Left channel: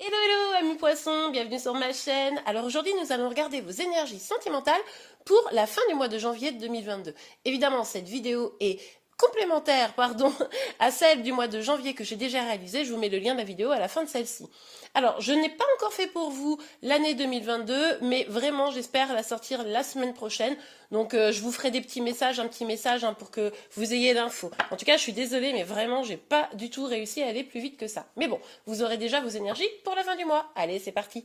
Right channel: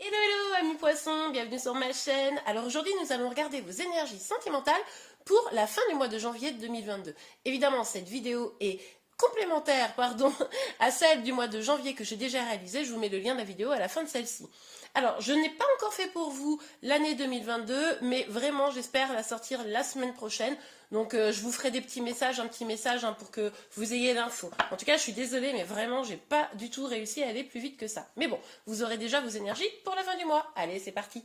Hello, hello, amis poissons, bienvenue sur ma chaîne. Alors aujourd'hui, nous allons regarder vos énergies sentimentales pour la fin du mois de janvier 2022. Évidemment, cette vidéo est complémentaire, pardon, à celle du mois de janvier que j'ai déjà réalisée. Je vous mets le lien de la vidéo à la fin de celle-ci. Alors, je n'ai pas encore fait pour vous l'année 2022, mais vraiment, j'espère la sortir la semaine prochaine. Donc, je vous ferai des petits messages, un petit message pour que vous ayez l'info. En tout cas, je suis désolée, mais vraiment, j'ai pas du tout réussi à aller plus vite que ça. Mais bon, vous aurez déjà vos énergies pour la fin du mois. Allez, c'est parti.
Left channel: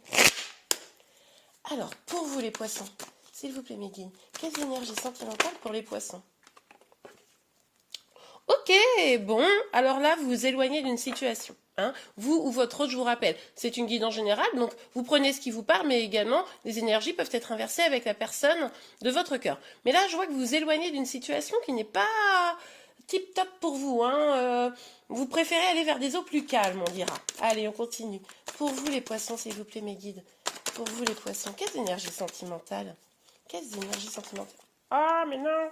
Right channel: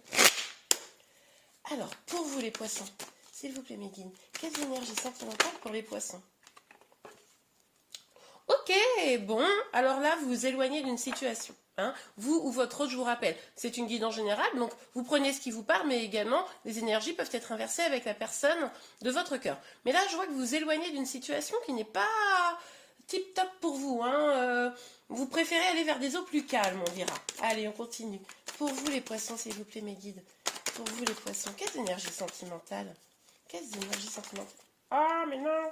Alors, pour vous les poissons, s'il vous plaît, Médine, quelles énergies sentimentales pour les poissons? Ok, bon, alors là, vous vous éloignez d'une situation. Hein. Vous ou votre autre, je vous rappelle, c'est une guidance générale, donc vous prenez ce qui vous parle, mais également, les énergies peuvent être inversées avec la personne de votre cœur. Mais là, je vois que vous vous éloignez d'une situation qui n'est pas tip-top pour vous. Hein. Vous préférez aller vers des eaux plus calmes, on dira. Allez, on continue. Pour vous, les poissons, s'il vous plaît, mes guides. Pour vous, les poissons, quelles énergies sentimentales? Quelles énergies sentimentales? Ah, mais non!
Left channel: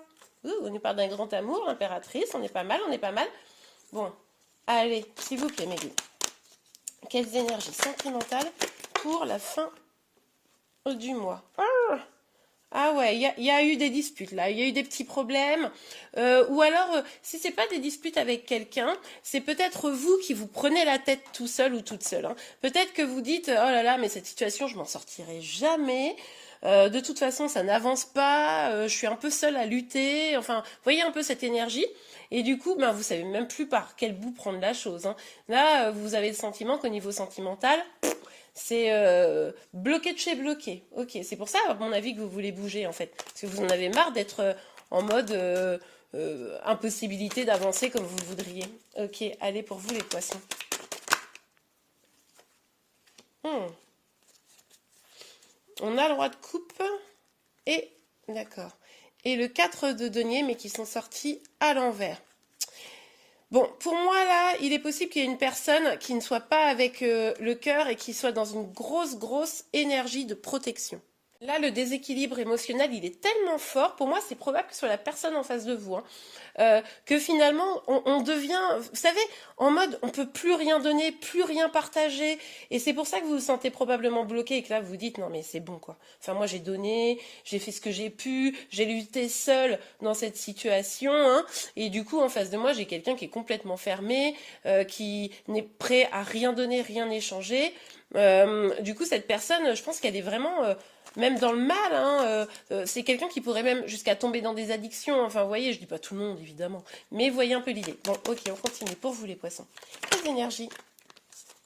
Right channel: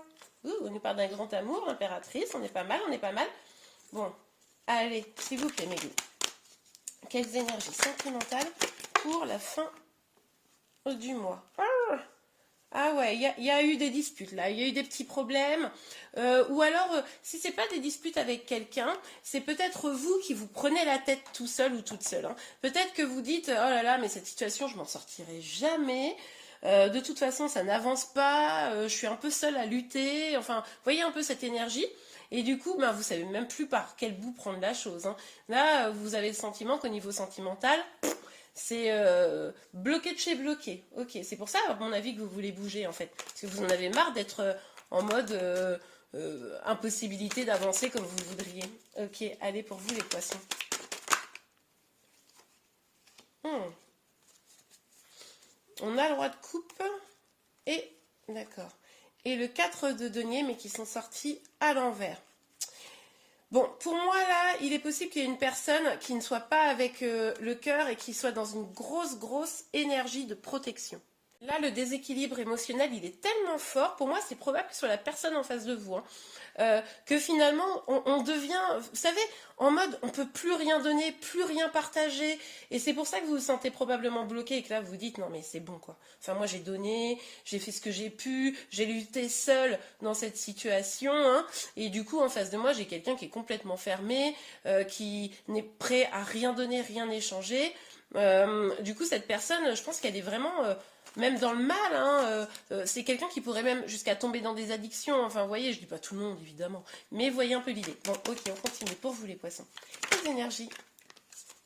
On nous parle d'un grand amour, impératrice, on est pas mal, on est pas mal. Bon, allez, s'il vous plaît, mes guides. Quelles énergies sentimentales pour la fin du mois? Ah ouais, il y a eu des disputes là, il y a eu des petits problèmes. Ou alors, si c'est pas des disputes avec quelqu'un, c'est peut-être vous qui vous prenez la tête tout seul ou toute seule. Hein. Peut-être que vous dites, oh là là, mais cette situation, je m'en sortirai jamais. De toute façon, ça n'avance pas. Je suis un peu seule à lutter. Enfin, vous voyez un peu cette énergie. Et du coup, ben, vous savez même plus par quel bout prendre la chose. Hein. Là, vous avez le sentiment qu'au niveau sentimental, c'est bloqué de chez bloqué. Ok, c'est pour ça, à mon avis, que vous voulez bouger, en fait. Parce que vous en avez marre d'être en mode impossibilité d'avancer comme vous voudriez. Ok, allez pour vous, les poissons. Hmm. On a le roi de coupe et... D'accord. Et le 4 de denier, mais qui sont sortis à l'envers. Bon, pour moi, là, il est possible qu'il y ait une personne qui ne soit pas avec le cœur et qui soit dans une grosse énergie de protection. Là, le déséquilibre émotionnel, il est tellement fort. Pour moi, c'est probable que ce soit la personne en face de vous. Hein. Que finalement, on devient, vous savez, en mode, on peut plus rien donner, plus rien partager. Et c'est pour ça que vous vous sentez probablement bloqué et que là, vous vous dites, non mais c'est bon quoi. Enfin, moi, j'ai donné, j'ai fait ce que j'ai pu, j'ai lutté seule dans cette situation. Hein, et du coup, en face de moi, j'ai quelqu'un qui est complètement fermé, qui n'est prêt à rien donner, rien échanger. Du coup, cette personne, je pense qu'elle est vraiment... même dans le mal, hein, c'est quelqu'un qui pourrait même jusqu'à tomber dans des addictions. Enfin, vous voyez, je dis pas tout le monde, évidemment. Mais voyez un peu l'idée. Bon, ok, on continue. Pour vous, les poissons. Quelles énergies?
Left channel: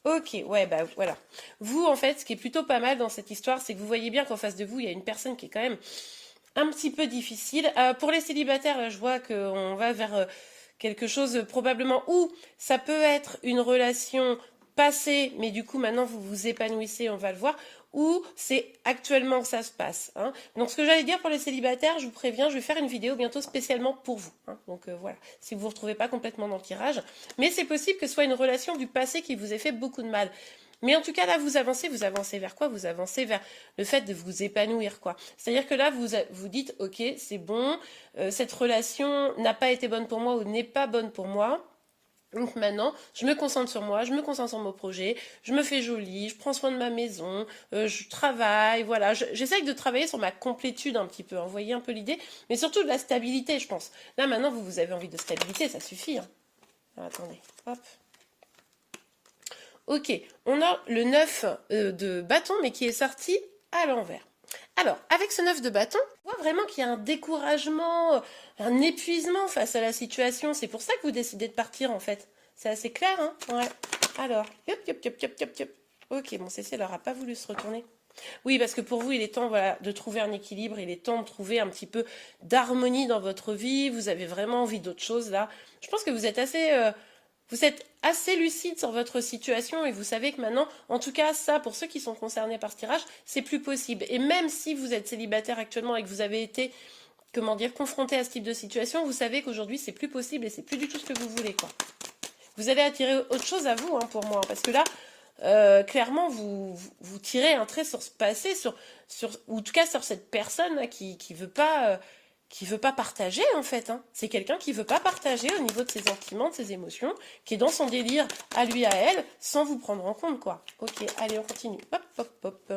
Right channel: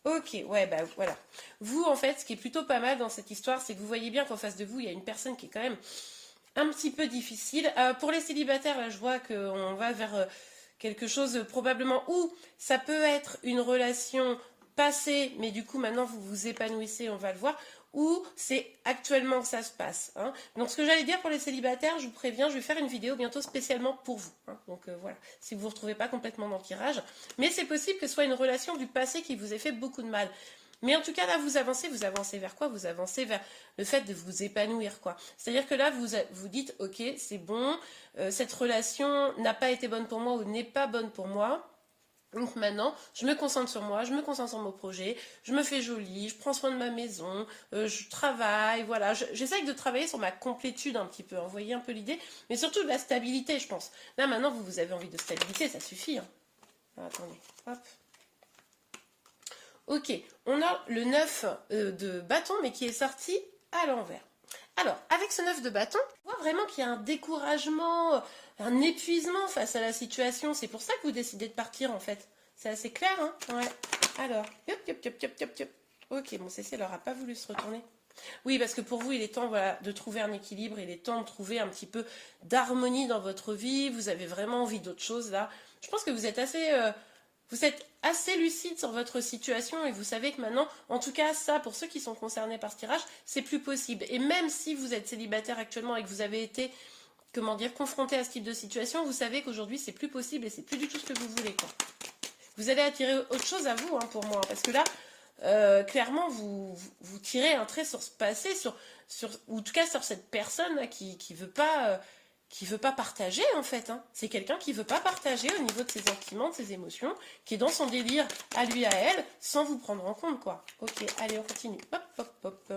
Ok, ouais, bah voilà. Vous, en fait, ce qui est plutôt pas mal dans cette histoire, c'est que vous voyez bien qu'en face de vous, il y a une personne qui est quand même un petit peu difficile. Pour les célibataires, là, je vois qu'on va vers quelque chose probablement où ça peut être une relation passée, mais du coup maintenant vous vous épanouissez, on va le voir, ou c'est actuellement que ça se passe. Hein. Donc ce que j'allais dire pour les célibataires, je vous préviens, je vais faire une vidéo bientôt spécialement pour vous. Hein. Donc voilà, si vous ne vous retrouvez pas complètement dans le tirage. Mais c'est possible que ce soit une relation du passé qui vous ait fait beaucoup de mal. Mais en tout cas, là, vous avancez vers quoi? Vous avancez vers le fait de vous épanouir, quoi. C'est-à-dire que là, vous dites, ok, c'est bon, cette relation n'a pas été bonne pour moi ou n'est pas bonne pour moi. Donc maintenant, je me concentre sur moi, je me concentre sur mon projet, je me fais jolie, je prends soin de ma maison, je travaille, voilà. J'essaye de travailler sur ma complétude un petit peu, hein, vous voyez un peu l'idée, mais surtout de la stabilité, je pense. Là, maintenant, vous avez envie de stabilité, ça suffit. Hein. Alors, attendez, hop. Ok, on a le 9 de bâton, mais qui est sorti à l'envers. Alors, avec ce 9 de bâton, on voit vraiment qu'il y a un découragement, un épuisement face à la situation. C'est pour ça que vous décidez de partir, en fait. C'est assez clair, hein? Ouais. Alors, hop, hop, hop, hop, hop, hop. Ok, bon, Cécile n'aura pas voulu se retourner. Oui, parce que pour vous, il est temps voilà, de trouver un équilibre, il est temps de trouver un petit peu d'harmonie dans votre vie. Vous avez vraiment envie d'autre chose, là. Je pense que vous êtes assez lucide sur votre situation et vous savez que maintenant, en tout cas, ça, pour ceux qui sont concernés par ce tirage, c'est plus possible. Et même si vous êtes célibataire actuellement et que vous avez été, comment dire, confronté à ce type de situation, vous savez qu'aujourd'hui, c'est plus possible et c'est plus du tout ce que vous voulez, quoi. Vous allez attirer autre chose à vous, hein, pour moi, parce que là, clairement, vous tirez un trait sur ce passé, ou en tout cas sur cette personne là, qui veut pas qui veut pas partager en fait, hein. C'est quelqu'un qui veut pas partager au niveau de ses sentiments, de ses émotions, qui est dans son délire à lui, à elle, sans vous prendre en compte, quoi. Ok, allez, on continue. Hop, hop, hop.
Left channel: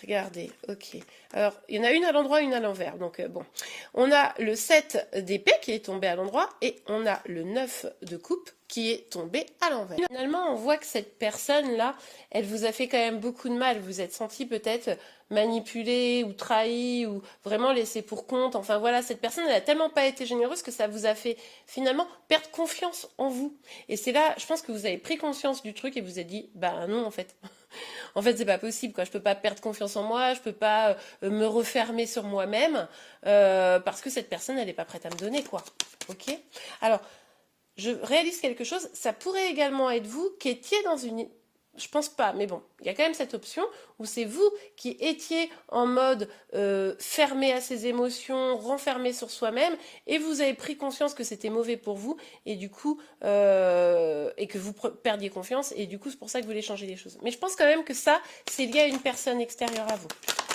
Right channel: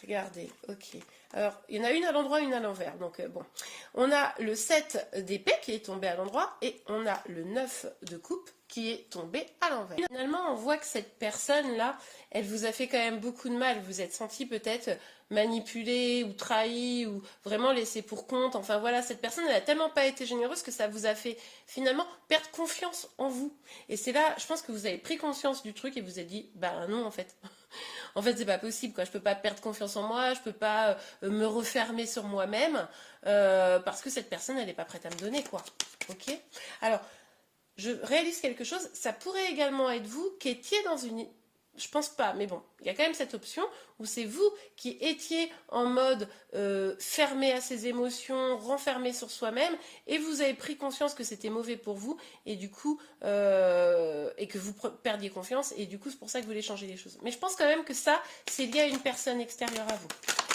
Regardez, ok. Alors, il y en a une à l'endroit, une à l'envers. Donc, bon. On a le 7 d'épée qui est tombé à l'endroit et on a le 9 de coupe qui est tombé à l'envers. Finalement, on voit que cette personne-là, elle vous a fait quand même beaucoup de mal. Vous vous êtes senti peut-être manipulé ou trahi ou vraiment laissé pour compte. Enfin voilà, cette personne, elle a tellement pas été généreuse que ça vous a fait finalement perdre confiance en vous. Et c'est là, je pense que vous avez pris conscience du truc et vous avez dit, bah non en fait. En fait, c'est pas possible, quoi. Je peux pas perdre confiance en moi, je peux pas me refermer sur moi-même parce que cette personne, elle n'est pas prête à me donner, quoi. Ok. Alors, je réalise quelque chose. Ça pourrait également être vous qui étiez dans une. Je pense pas, mais bon, il y a quand même cette option où c'est vous qui étiez en mode fermé à ses émotions, renfermé sur soi-même, et vous avez pris conscience que c'était mauvais pour vous, et du coup, et que vous perdiez confiance, et du coup, c'est pour ça que vous voulez changer les choses. Mais je pense quand même que ça, c'est lié à une personne extérieure à vous.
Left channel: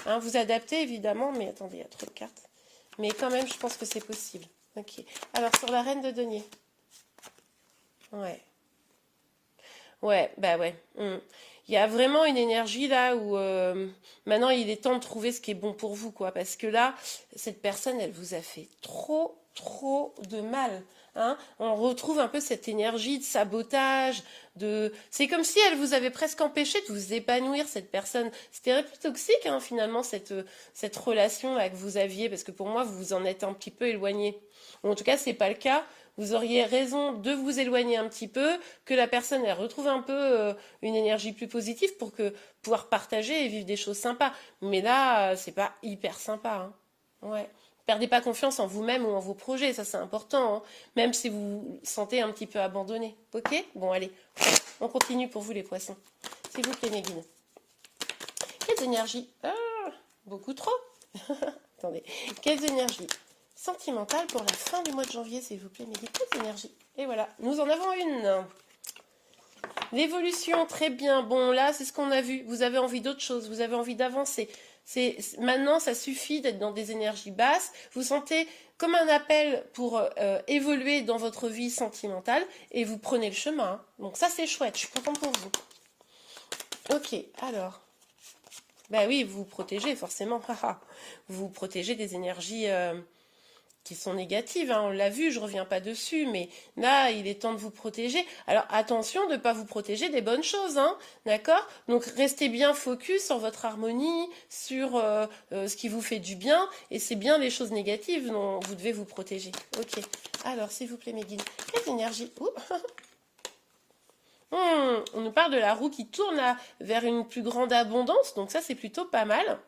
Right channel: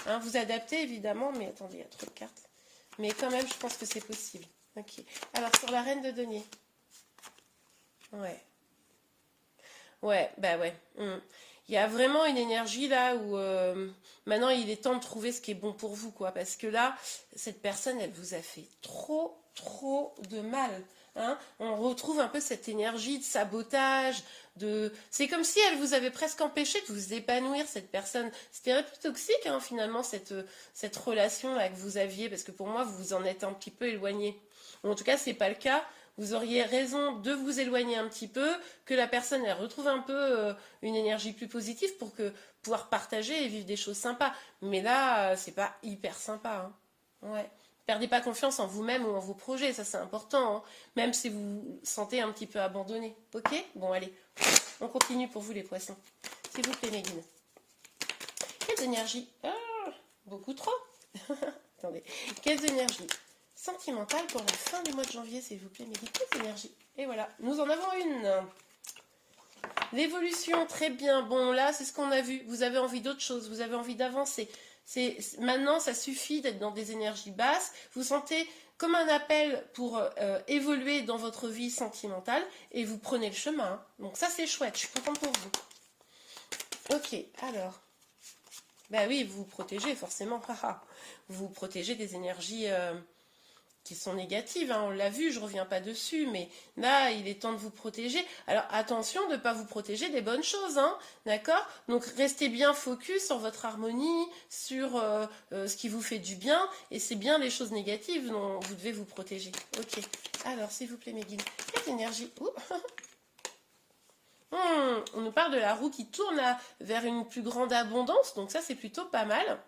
Hein, vous adaptez évidemment, mais attendez, il y a trop de cartes. Mais quand même, je pense que c'est possible. Ok. Alors, sur la reine de denier. Ouais. Ouais, bah ouais. Il y a vraiment une énergie là où maintenant il est temps de trouver ce qui est bon pour vous, quoi. Parce que là, cette personne, elle vous a fait trop, trop de mal. Hein. On retrouve un peu cette énergie de sabotage, de. C'est comme si elle vous avait presque empêché de vous épanouir, cette personne. C'était un peu toxique, hein, finalement, cette relation là que vous aviez, parce que pour moi, vous vous en êtes un petit peu éloigné. Ou en tout cas, c'est pas le cas. Vous auriez raison de vous éloigner un petit peu, que la personne elle retrouve un peu une énergie plus positive pour que pouvoir partager et vivre des choses sympas. Mais là, c'est pas hyper sympa. Hein. Ouais. Perdez pas confiance en vous-même ou en vos projets, ça c'est important. Hein. Même si vous vous sentez un petit peu abandonné. Ok. Bon allez, on continue pour vous les poissons. S'il vous plaît mes guides. Quelles énergies beaucoup trop. Attendez. Quelles énergies sentimentale pour la fin du mois de janvier, s'il vous plaît, mes petites énergies. Et voilà, nous en avons une. L'évolution, très bien. Bon, là, c'est ce qu'on a vu. Vous avez envie d'autre chose, vous avez envie d'avancer. Maintenant, ça suffit d'être dans des énergies basses. Vous sentez comme un appel pour évoluer dans votre vie sentimentale et vous prenez le chemin. Hein. Donc ça, c'est chouette. Je suis contente pour vous. Ok, alors. Bah oui, vous vous protégez, forcément. Vous vous protégez des énergies qui sont négatives, hein, on l'a vu, je ne reviens pas dessus, mais là, il est temps de vous protéger. Alors, attention de ne pas vous protéger des bonnes choses, hein, d'accord? Donc, restez bien focus sur votre harmonie, sur ce qui vous fait du bien, et c'est bien les choses négatives dont vous devez vous protéger. Ok, alors, s'il vous plaît, mes guides, quelle énergie on nous parle de la roue qui tourne là, vers une plus grande abondance, donc ça, c'est plutôt pas mal.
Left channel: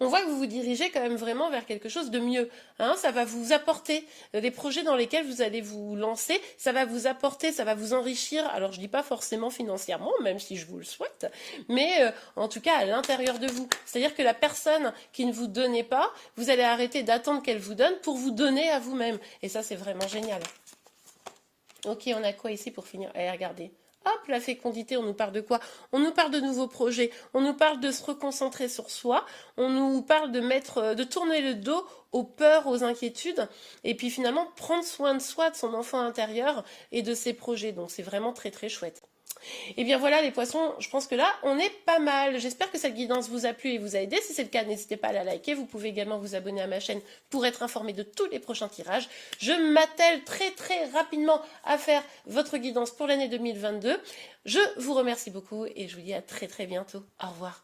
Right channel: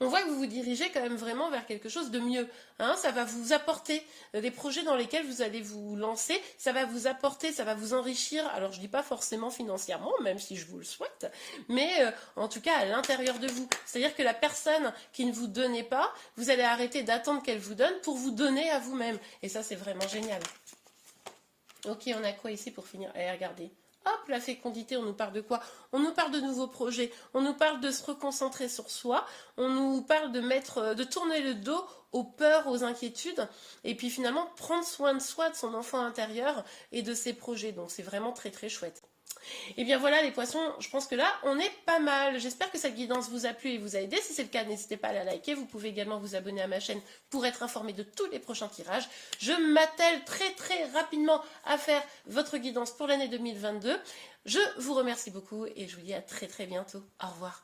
On voit que vous vous dirigez quand même vraiment vers quelque chose de mieux. Hein, ça va vous apporter des projets dans lesquels vous allez vous lancer. Ça va vous apporter, ça va vous enrichir. Alors, je ne dis pas forcément financièrement, même si je vous le souhaite, mais en tout cas à l'intérieur de vous. C'est-à-dire que la personne qui ne vous donnait pas, vous allez arrêter d'attendre qu'elle vous donne pour vous donner à vous-même. Et ça, c'est vraiment génial. Ok, on a quoi ici pour finir? Allez, regardez. Hop, la fécondité, on nous parle de quoi? On nous parle de nouveaux projets, on nous parle de se reconcentrer sur soi, on nous parle de tourner le dos aux peurs, aux inquiétudes, et puis finalement prendre soin de soi, de son enfant intérieur et de ses projets. Donc c'est vraiment très très chouette. Et bien voilà les poissons, je pense que là on est pas mal. J'espère que cette guidance vous a plu et vous a aidé. Si c'est le cas, n'hésitez pas à la liker. Vous pouvez également vous abonner à ma chaîne pour être informé de tous les prochains tirages. Je m'attelle très très rapidement à faire votre guidance pour l'année 2022. Je vous remercie beaucoup et je vous dis à très très bientôt. Au revoir.